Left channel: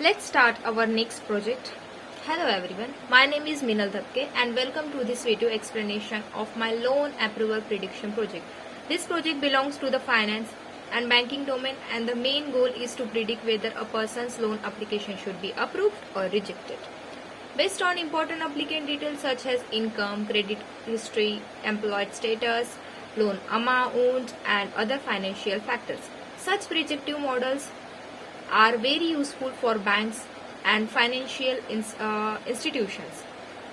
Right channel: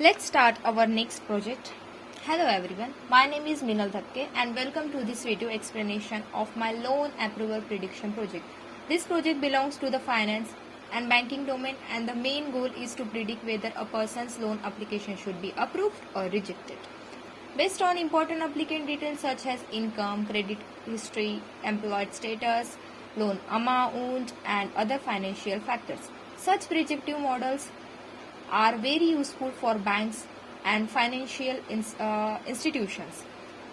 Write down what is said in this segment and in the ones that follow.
Let's start our next project. Hello everyone, my name is Minal Thakke and welcome to this video explanation of my loan approval prediction project. This project belongs to the finance and banking domain and the main goal is to predict whether a person's loan application should be approved or rejected. Based on important applicant details such as income, credit history, employed status, loan amount and other financial factors. Such predictive models are very useful for banks and financial institutions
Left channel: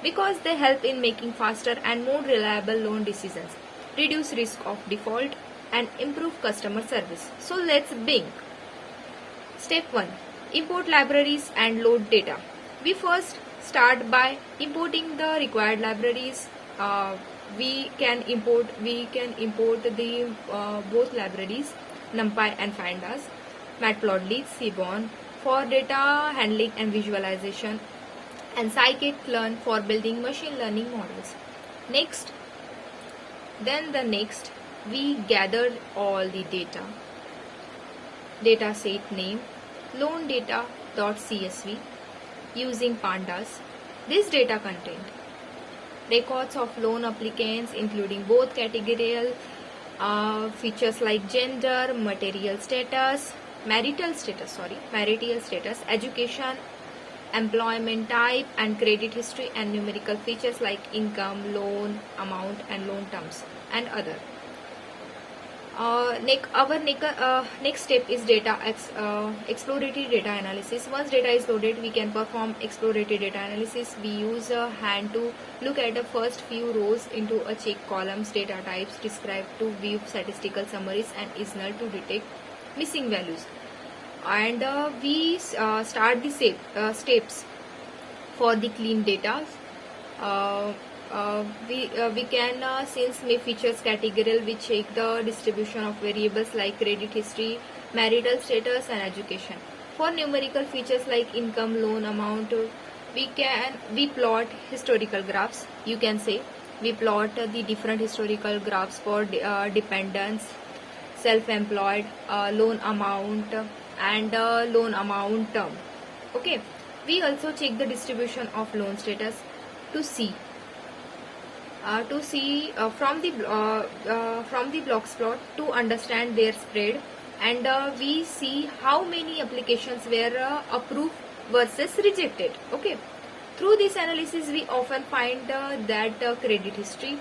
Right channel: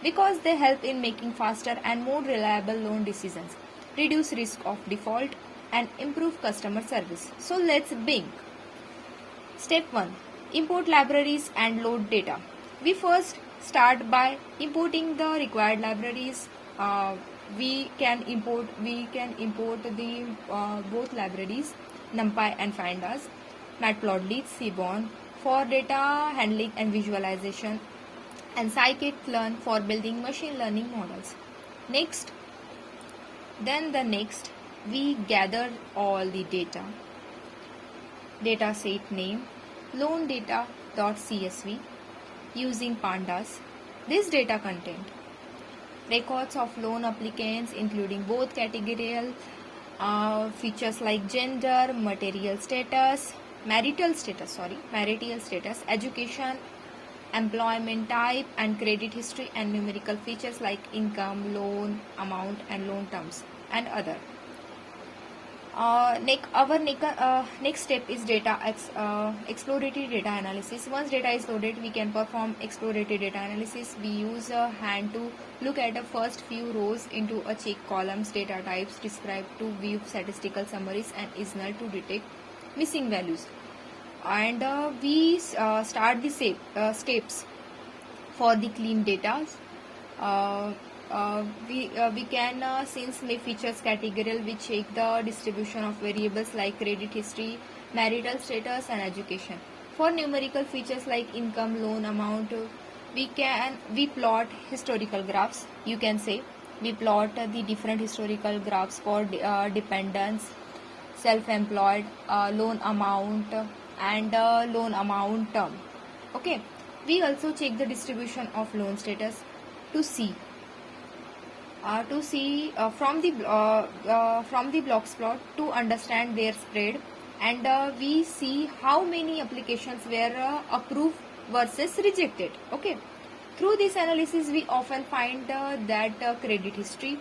because they help in making faster and more reliable loan decisions, reduce risk of default and improve customer service. So let's begin. Step 1. Import libraries and load data. We first start by importing the required libraries. We can import the both libraries, NumPy and Pandas, Matplotlib, Seaborn for data handling and visualization, and scikit-learn for building machine learning models. Next, we gather all the data. Dataset name loan data.csv using pandas. This data content records of loan applicants including both categorical features like gender, marital status, education, employment type and credit history, and numerical features like income, loan amount and loan terms and other. Next step is exploratory data analysis. Once data is loaded, we can perform exploratory data analysis. We use a hand to look at the first few rows into a check columns, data types described to view statistical summaries, and is null to detect missing values. And we start the steps for the clean data. We can since may features categorical, we check the distribution of variables like credit history, marital status and education. For numerical features like income, loan amount, we plot historical graphs. You can say we plot the different historical graphs for dependents, self-employed, loan amount and loan amount term. Okay, we also check the distribution of loan status to see from the blocks plot to understand their spread, and we see how many applications were approved versus rejected. Okay, through this analysis we often find that credit history,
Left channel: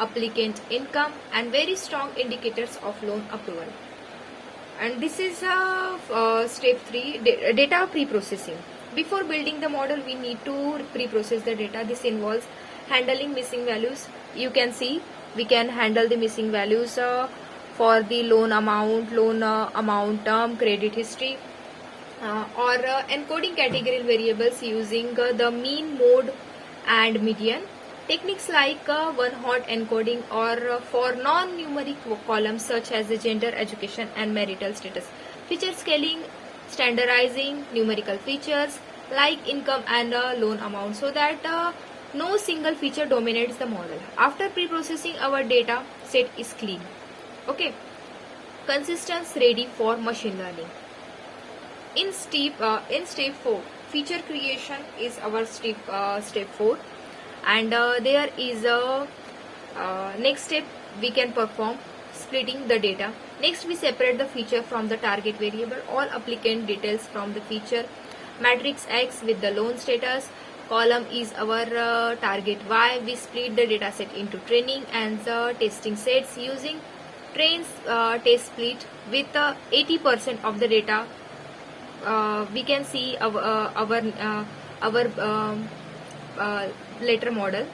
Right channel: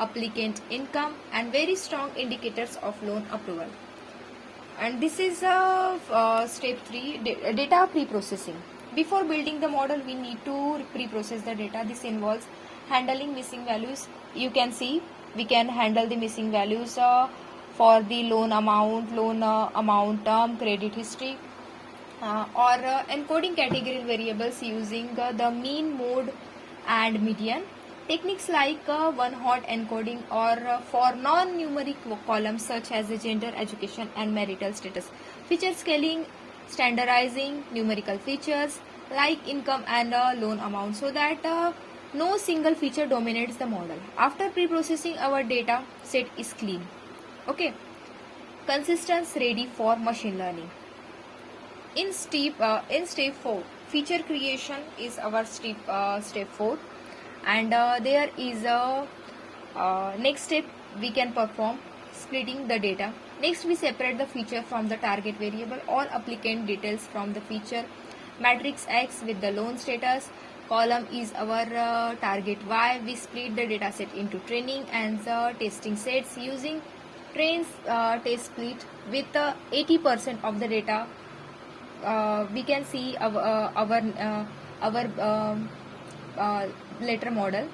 applicant income and very strong indicators of loan approval. And this is step 3, data pre-processing. Before building the model, we need to pre-process the data. This involves handling missing values. You can see we can handle the missing values for the loan amount term, credit history, or encoding categorical variables using the mean, mode and median. Techniques like one-hot encoding or for non-numeric columns such as the gender, education and marital status. Feature scaling, standardizing numerical features like income and loan amount so that no single feature dominates the model. After pre-processing, our data set is clean. Okay, consistence ready for machine learning. In step 4, feature creation is our step 4. And there is a next step we can perform splitting the data. Next, we separate the feature from the target variable, all applicant details from the feature matrix X with the loan status. Column is our target Y. We split the data set into training and the testing sets using train test split with 80% of the data. We can see our later model.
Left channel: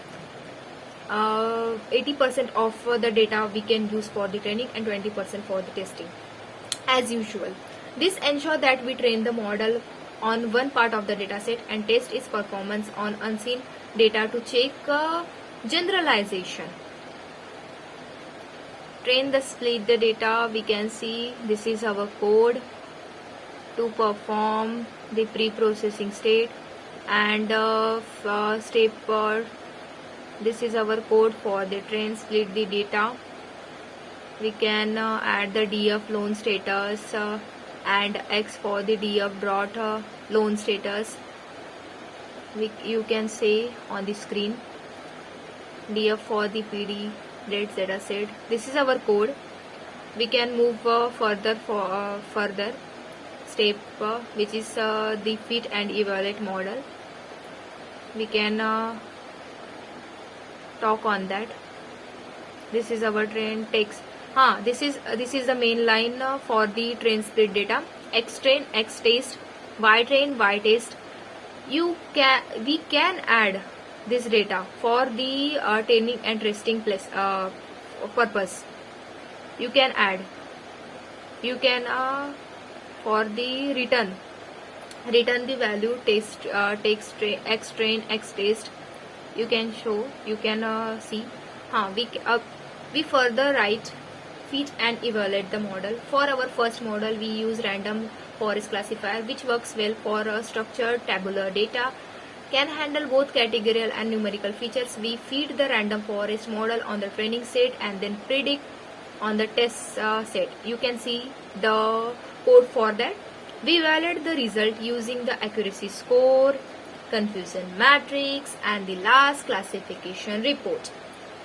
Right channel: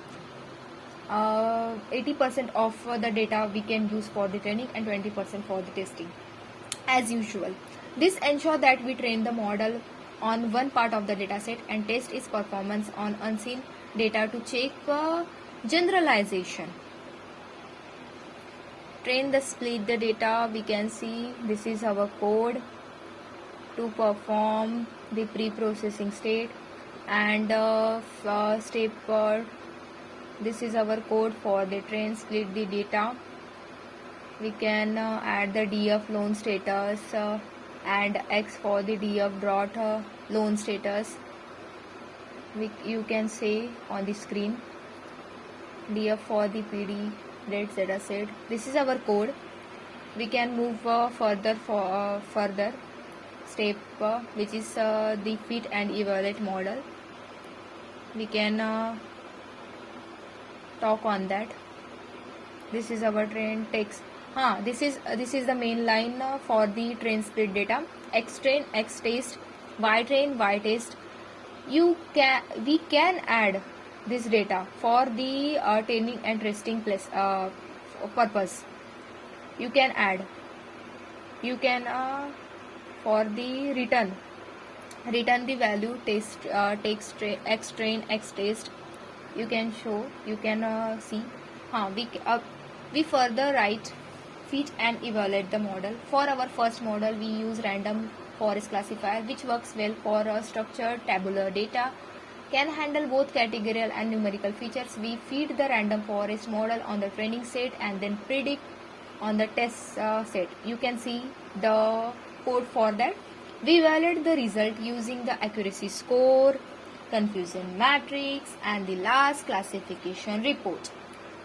80% of the data we can use for the training and 20% for the testing as usual. This ensures that we train the model on one part of the data set and test its performance on unseen data to check generalization. Train the split the data. We can see this is our code to perform the pre-processing state, and this is our code for the train split the data. We can add the DF loan status and X for the DF dot loan status. You can say on the screen DF for the PD data set. This is our code. We can move further step which is the fit and evaluate model. We can talk on that. This is our train text. This is the main line for the train split data. X train, X test, Y train, Y test. We can add this data for the training and testing purpose. You can add. You can for the return the value test text X train, X test. You can show. You can see. We further write, fit and evaluate the model. For our first model, we use Random Forest Classifier, which works well for structured tabular data, can handle both categorical and numerical features. We feed the Random Forest model on the training set and then predict on the test set. You can see the code for that. We evaluate the result using the accuracy score, confusion matrix and the last classification report.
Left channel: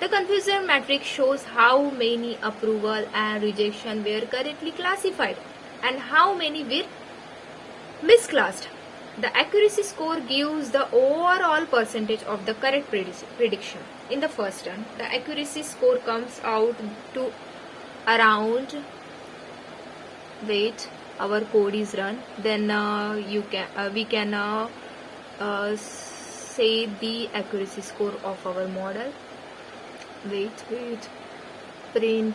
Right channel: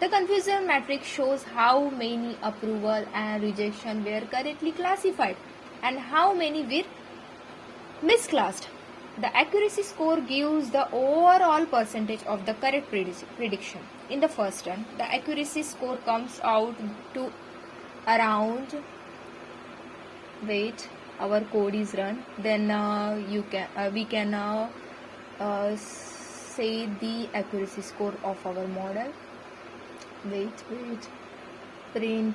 The confusion matrix shows how many approval and rejection were correctly classified and how many were misclassed. The accuracy score gives the overall percentage of the correct prediction. In the first run, the accuracy score comes out to around, wait, our code is run, then we can say the accuracy score of our model. Wait, print /n,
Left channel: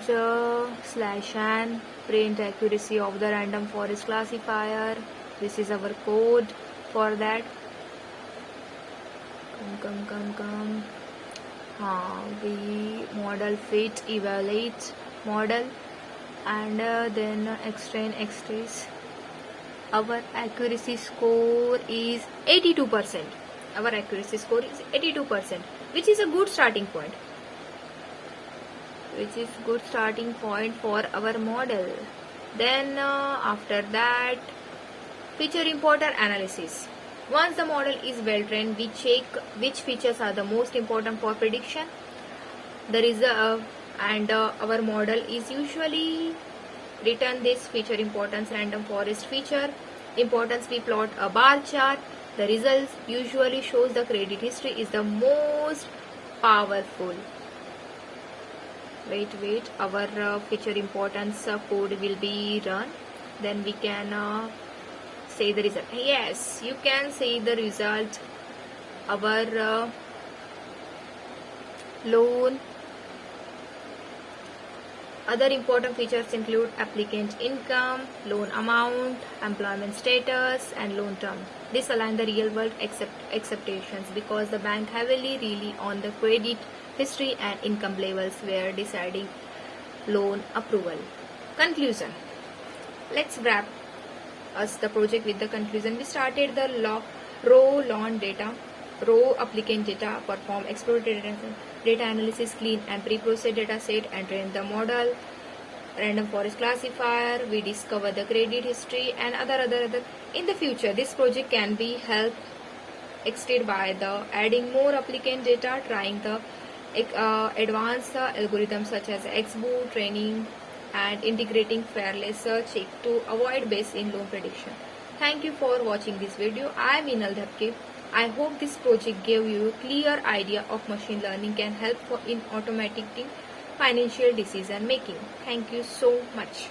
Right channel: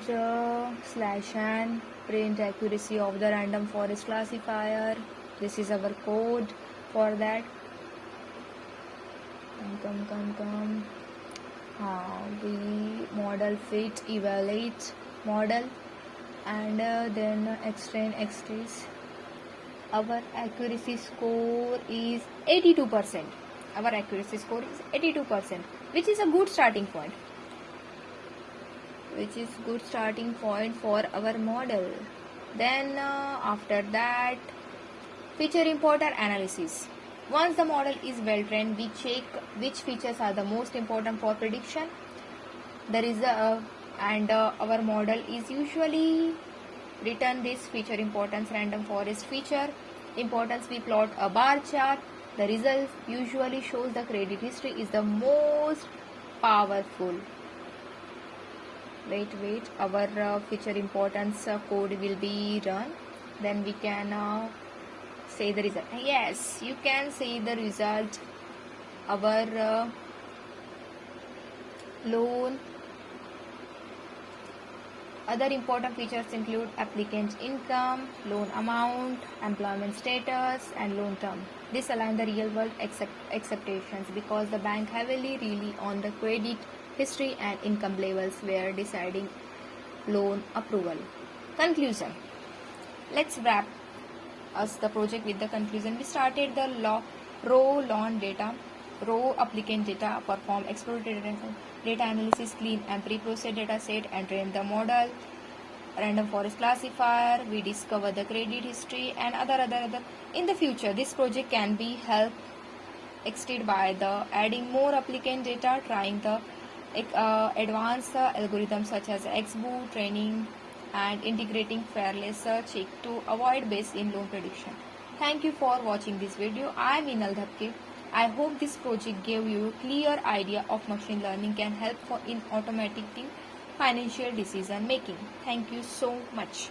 print accuracy of the Random Forest Classifier. This is our code for that. Come. We model fit, evaluate model, and then X train, X trace. Our accuracy score is 82%. Our accuracy score is 82%, which is a good starting point. For our model. Then after that, feature important analysis. Once the model is well trained, we check which features are the most important for prediction. Our model is usually written this feature importance random forest feature importance. We plot a bar chart. The results usually shows the credit history is the most powerful. Wait, our feature importance code will be run. Then we can say the result. Yes, you can see the result. Our loan. Other important features include applicant income, loan amount, employment status, and loan term. This aligns the real world expectations because the bank heavily rely on the credit history and income levels where deciding loan approval. Conclusion. Let's wrap us the project with the conclusion. We started the raw applicant data, perform exploratory data analysis, clean and pre-process data set, and train the model. Random Forest Classifier. We discover the credit history and other. In the future, this project can be helped extended by the adding more applicant data, trying the advanced algorithms such as XBOO training and integrating fearless check to avoid bias in loan prediction. Thank you for watching this video. I am Inal Dhapke. I hope this project gave you a clear idea of machine learning can help in automating financial decision making. Thank you so much.